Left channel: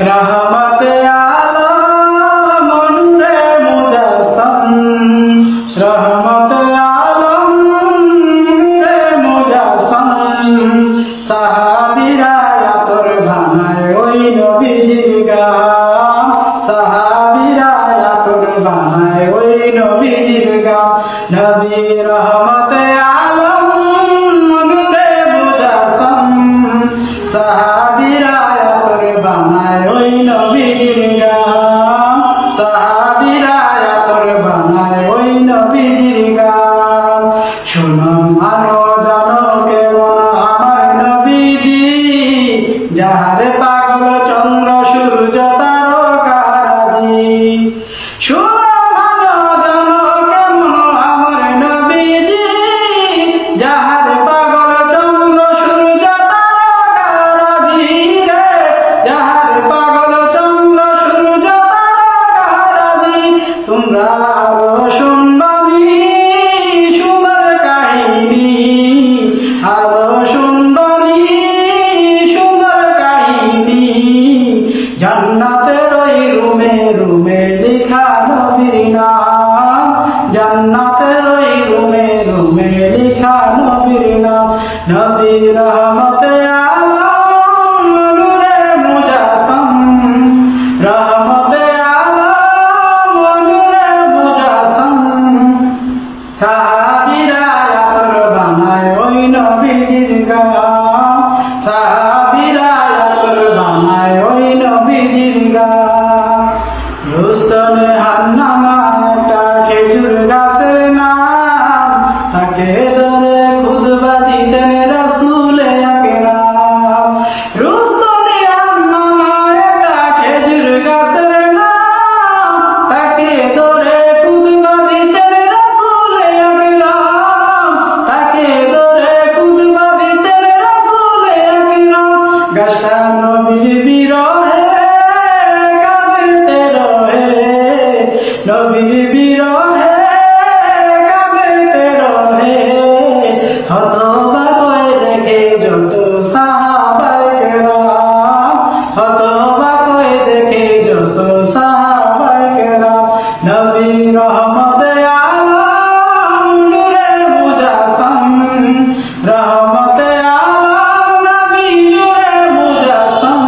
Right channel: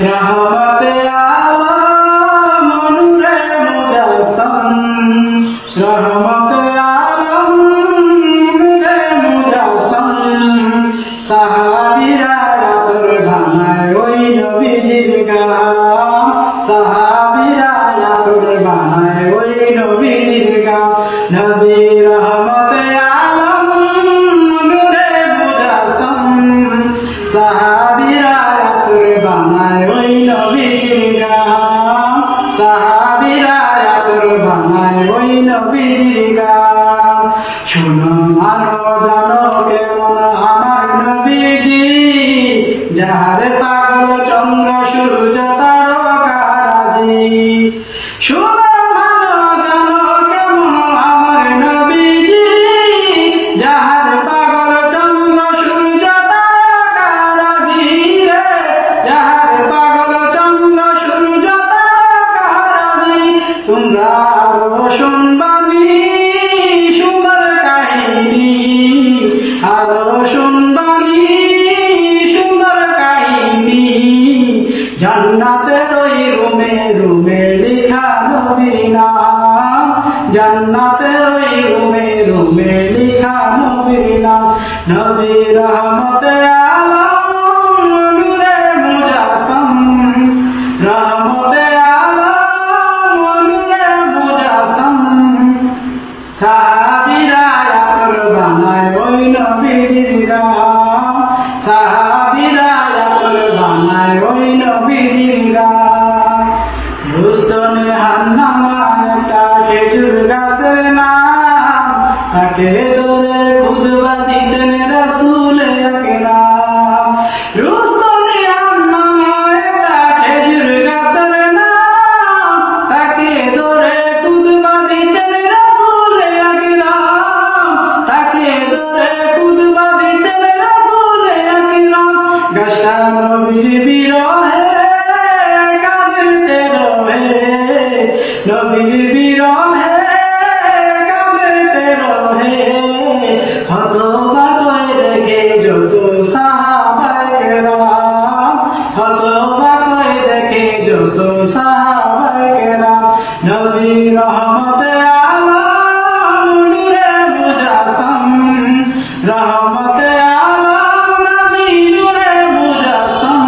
रहमते आलम नूरे मुजस्सम रहमते आलम नूरे मुजस्सम साहाबीरा आतर बानाय ओई नबीजिर गाम साहाबीरा आतर बानाय ओई नबीजिर गाम नबी रहमते आलम नूरे मुजस्सम साहाबीरा आतर बानाय ओई नबीजिर गाम साहाबीरा आतर बानाय ओई नबीजिर गाम शुनो मानो जानो केमन आमार नबीजी जाहारे पागल चंद्र सूर्य तारकाराजी शुनो मानो जानो केमन आमार नबीजी जाहारे पागल चंद्र सूर्य तारकाराजी रे जाहारे पागल चंद्र सूर्य तारकाराजी तुमरा आरो शुनबानी सुंदर काहिनी आरो शुनबानी सुंदर काहिनी जन्नतेर ओई रूमे रूमे लिखा नबीर नाम जन्नतेर ओई रूमे रूमे लिखा नबीर नाम नबी रहमते आलम नूरे मुजस्सम रहमते आलम नूरे मुजस्सम साहाबीरा आतर बानाय ओई नबीजिर गाम साहाबीरा आतर बानाय ओई नबीजिर गाम रुस्तमे हान्नामा একটা খেজুর গাছের নাম তাকে ধরে খুতবা দিতেন রাসূলে আকরাম রুস্তমে হান্নামা একটা খেজুর গাছের নাম তাকে ধরে খুতবা দিতেন রাসূলে আকরাম তাকে ধরে খুতবা দিতেন রাসূলে আকরাম গাছটা নবীর বিরহে কাঁদিতে রহে নবীর বিরহে কাঁদিতে রহে হতবাক দেখে যত সাহাবায়ে কেরাম হতবাক দেখে যত সাহাবায়ে কেরাম নবী রহমতে আলম নূরে মুজস্সম রহমতে আলম নবী নূরে মুজস্সম